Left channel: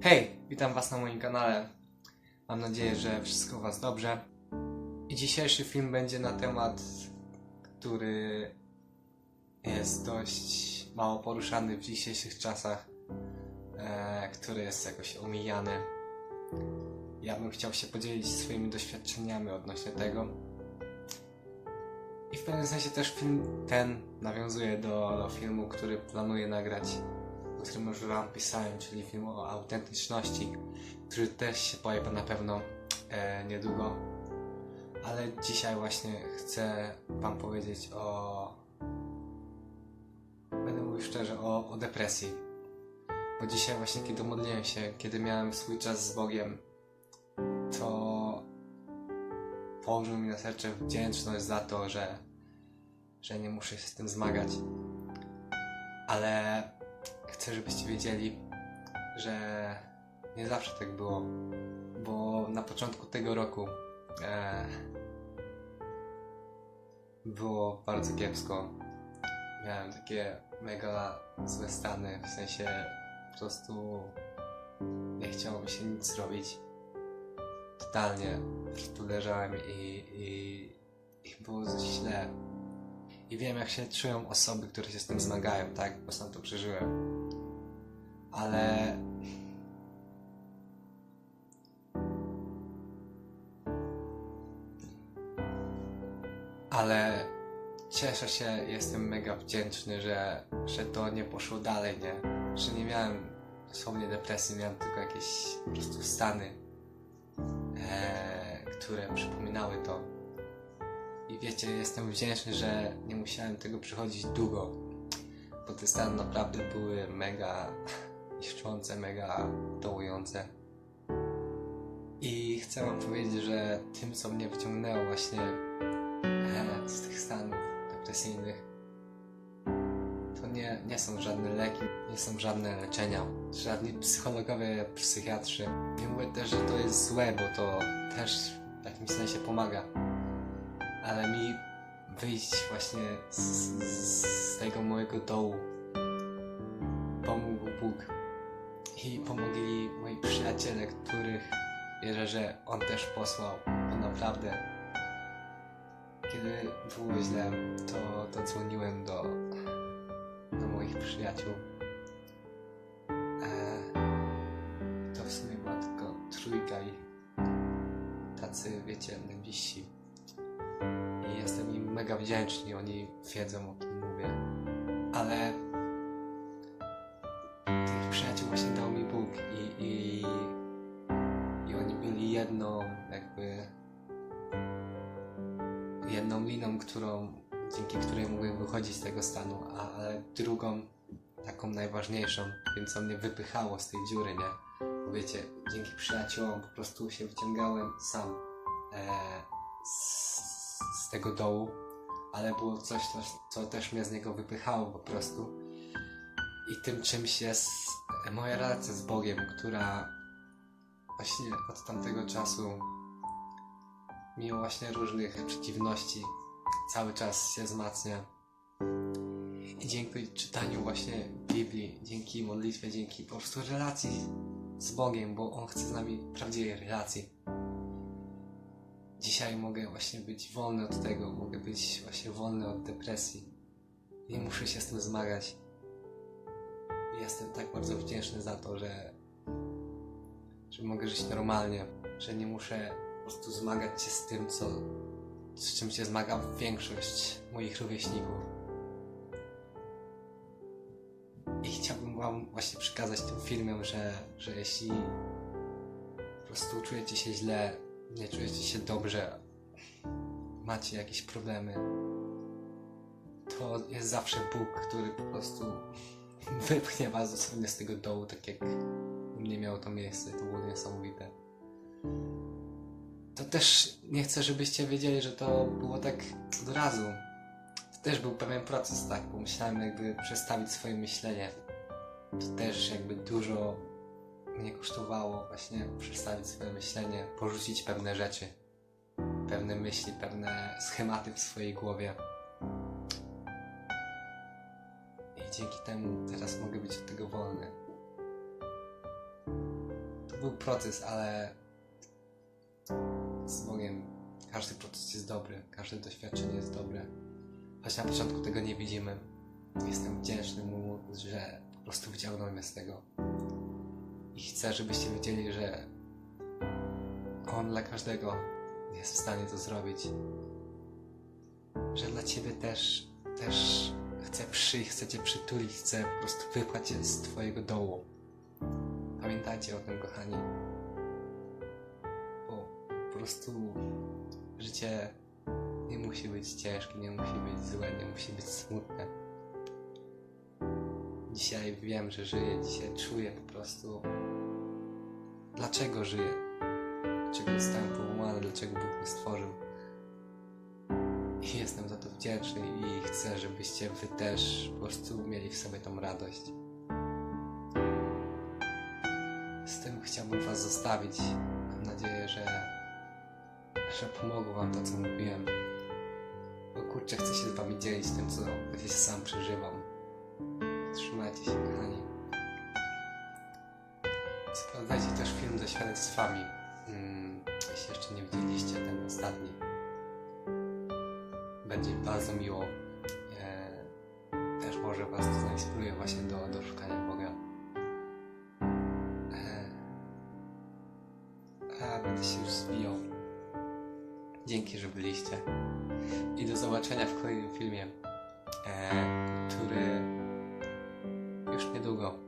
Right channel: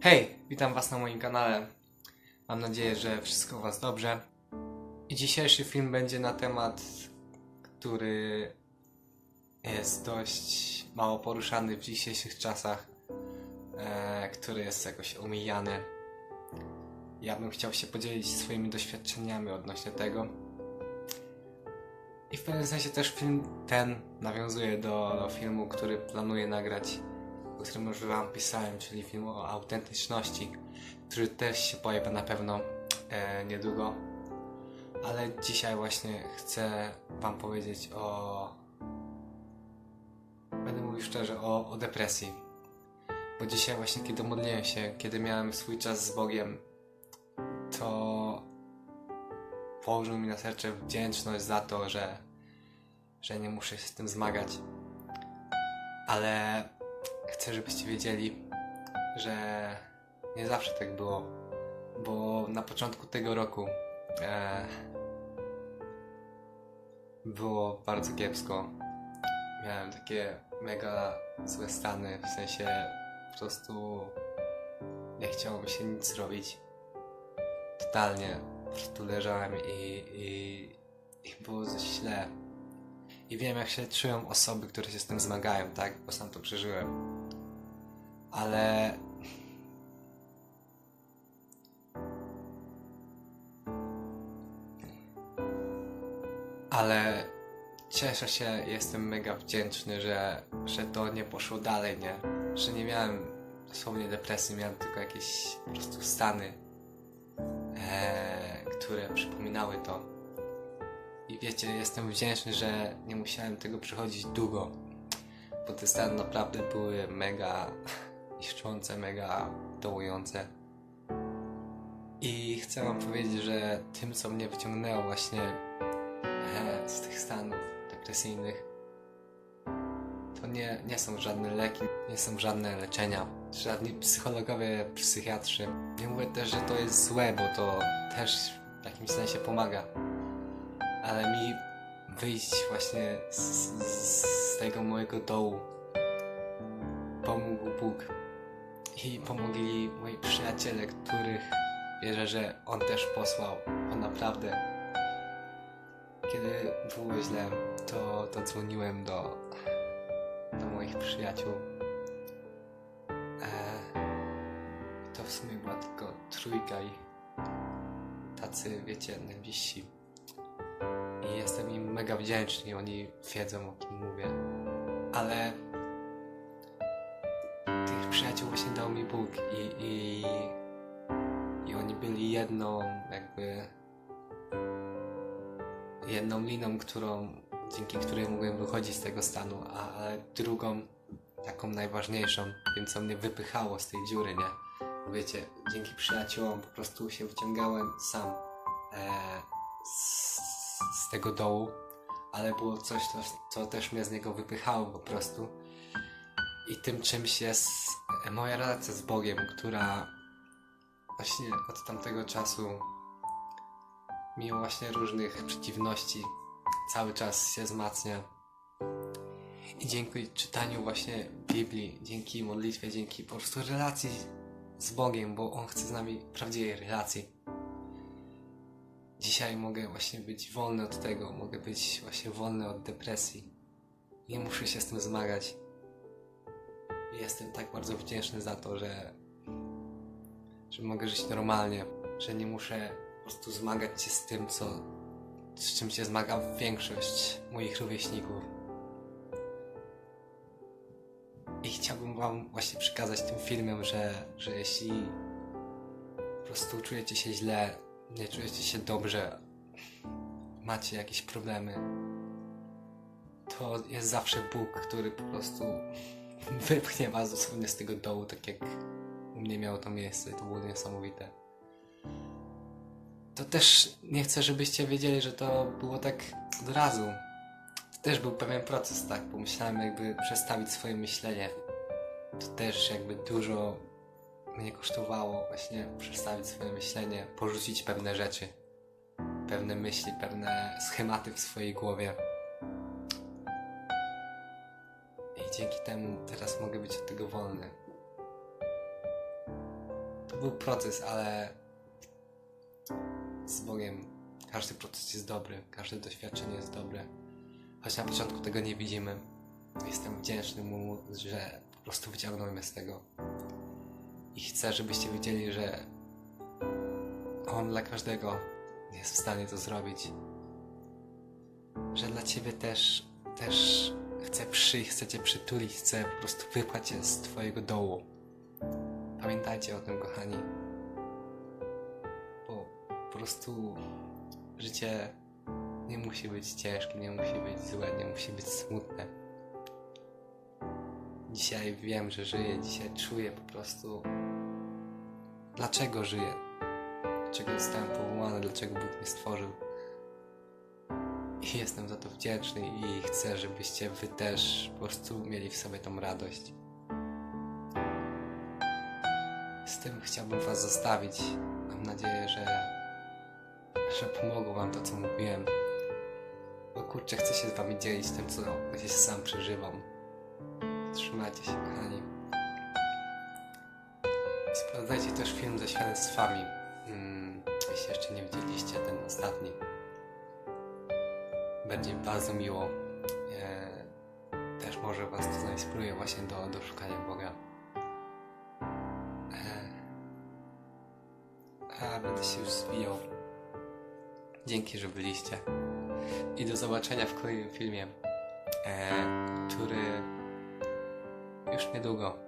Hej, witam Was na moim kanale. Mam nadzieję, że wszystko Was dobrze. Dzisiejszy film będzie na temat, który jest dość mało poruszany w dzisiejszych czasach, e, który jest jakoś omijany. Ja bym chciał się podzielić swoimi doświadczeniami odnośnie tego. I w pewnym sensie też film ten nawiązuje do filmu, który planuję nagrać o którym już Wam pisałem, czyli film o autentyczności, który też się pojawi na pewno e, niedługo. Ale dzisiaj właśnie chcę Wam powiedzieć o. Będę mówił szczerze o, o depresji. Bo dzisiaj, właśnie, kiedy modliłem się, kiedy miałem swój czas z Bogiem, to położył mi na serce wdzięczność za to, że, że nie muszę się z tym zmagać. Ale chcę, żebyście wiedzieli, że nie zawsze tak było, bo na początku tego roku e, było bardzo kiepsko. Miałem takie mega złe stany, w sensie po prostu nie chciało mi się nic zrobić. Totalnie. Po prostu leżałem i, i, i było źle. I wiem, jak się czują osoby, które się z tym zmagają, tak? Bo sam to przeżyłem. Ale. Ale cieszę się, jestem mega wdzięczny, że, że to nie poszło dalej, nie? Że nie miałem dosłownie depresji, miałem tylko jakieś po prostu stany, e, które przypominały to. I wiecie, jestem wdzięczny, że nie musiałem tego przechodzić długo, bo te stany naprawdę były mega niszczące, mega dołujące. I chcę Wam powiedzieć, że tym, co mnie wyciągnęło właśnie e, z tych stanów depresyjnych, to nie, nie są żadne leki, nie są żadne leczenia, żadni psychologowie, psychiatrzy. Nie mówię też, że to jest złe, bo to też w jakimś sensie pomaga ale mi wyjść właśnie z, z, z tego mojego dołu pomógł Bóg i pomogli moi przyjaciele, których wierzę, że On też posłał. On naprawdę, kiedy było źle, to, to dzwoniłem do, do moich przyjaciół. E, to w sumie była tylko trójka i tacy, wiecie, najbliżsi. Jestem im mega wdzięczny, oni wiedzą o kim mówię. Ale tych przyjaciół właśnie dał mi Bóg i, i, i oni byli jedną jakby jedną liną, którą, dzięki której mogłem wychodzić z tego stanu, ale drugą, taką najważniejszą, tym co mnie wypychało z tej dziury, nie? Bo wiecie, dzięki przyjaciołom po prostu się wyciągałem sam e, z tego dołu, ale było coś, co, też mnie z niego wypychało po prostu. I tym czymś jest moja relacja z Bogiem, która właśnie od tamtego czasu, mimo właśnie różnych przeciwności, cały czas się wzmacnia. I dzięki czytaniu właśnie Biblii, dzięki modlitwie, dzięki po prostu relacji z Bogiem, bo On chce z nami prawdziwej relacji. Dzisiaj mogę właśnie być wolny od tego, mogę być właśnie wolny od depresji. Nie muszę się z tym zmagać. Jestem tak bardzo wdzięczny za to, że, że mogę żyć normalnie, że nie muszę po prostu zmagać się z tym, co, z czym się zmaga większość moich rówieśników. I chciałbym Wam właśnie przekazać tym filmem, że, że jeśli po prostu czujecie się źle, nie czujecie się dobrze, macie jakieś problemy, to jest zawsze Bóg, który po prostu wypchnie was dosłownie z tego dołu, tak jak u mnie miało to miejsce. To było niesamowite. To też nie chcę, żebyście wiedzieli, że to było tak od razu. To też był pewien proces, tak? Bo musiałem jakby przestawić swoje myślenie. To też jakby dużo mnie kosztowało właśnie przestawić swoje myślenie, porzucić pewne rzeczy, pewne myśli, pewne schematy w swojej głowie. I dzięki temu teraz mogę być od tego wolny. był proces, ale z Bogiem każdy proces jest dobry, każde doświadczenie jest dobre. Choć na początku tego nie widzimy. Jestem wdzięczny Mu, że po prostu wyciągnął mnie z tego. I chcę, żebyście wiedzieli, że On dla każdego jest w stanie to zrobić. Że dla Ciebie też, też chce przyjść, chce Cię przytulić, chce po prostu wypchać Cię z Twojego dołu. Pamiętajcie o tym, kochani. Bo po prostu życie nie musi być ciężkie, nie musi być złe, nie musi być smutne. Dzisiaj wiem, że żyję, dzisiaj czuję po prostu dlaczego żyję, dlaczego zostałem powołany, dlaczego Bóg mnie stworzył. I jestem za to wdzięczny i chcę, żebyście wy też po prostu mieli w sobie tą radość. Z tym chciałbym was zostawić. Mam nadzieję, że, że pomogło wam to, co mówiłem. Bo kurczę, chcę się z wami dzielić tym, co gdzieś sam przeżywam. Trzymajcie się, kochani. Sprawdzajcie też film ze świadectwami. Mm, jeśli jeszcze nie widzieliście ten ostatni. Będzie bardzo miło. E, też może Was to zainspiruje właśnie do, do szukania Boga. E, a będę się już zwijał. Dzięki, że byliście. I do zobaczenia w kolejnym filmie, e, który już niedługo